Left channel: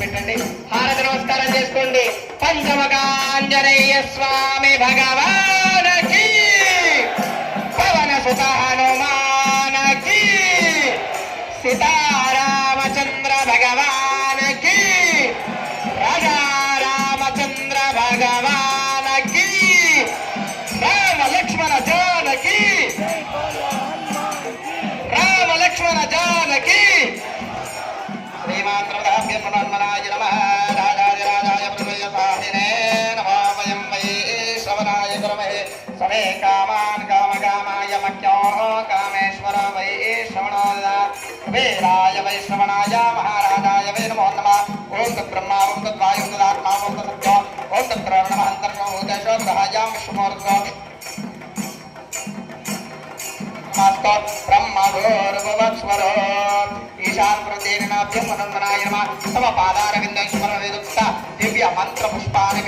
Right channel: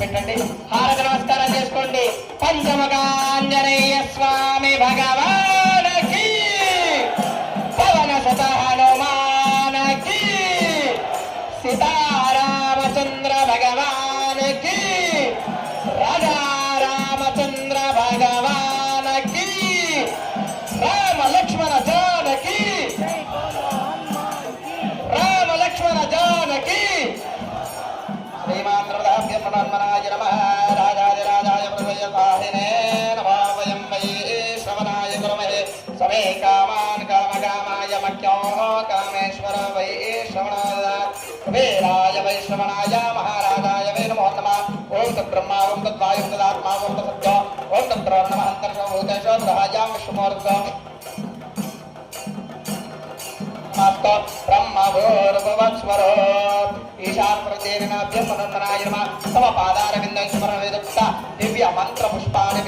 పెట్టండి, హారతి నమస్కారం చేసుకోండి. పంచముఖాంజనేయ స్వామి భగవానకి, పవన సుత హనుమానకి, సీతారామచంద్ర భగవానకి, రాజా రామచంద్ర భగవానకి, రామ లక్ష్మణ జానకి, రామ లక్ష్మణ జానకి. శ్రీమాత్రమనాయ నమ. రాజాదిరాజాయ ప్రసయసాహినే నమో వయం వై శ్రవణాయ కుర్మహే. సమే కామాన్ కామకామాయ మఖ్యో కామేశ్వర వై శ్రవణోద. కుబేరాయ వై శ్రవణాయ మహారాజాయ వై నమో నమః. ఓం తద్బ్రహ్మా ఓం తద్వాయు ఓం తదాత్మా ఓం తత్సత్య ఓం తద్బ్రహ్మ అంతర్భూతేషు గ్రహాజాం విష్ణుమూర్తో బ్రహ్మగోర్భువస్వరో ఈశాన్యేనాభ్యం మనోన్మనాయ నమః. తమ పాదారవిందే స్మరణ వేదోక్త దివ్య మంత్ర పుష్పాన్ని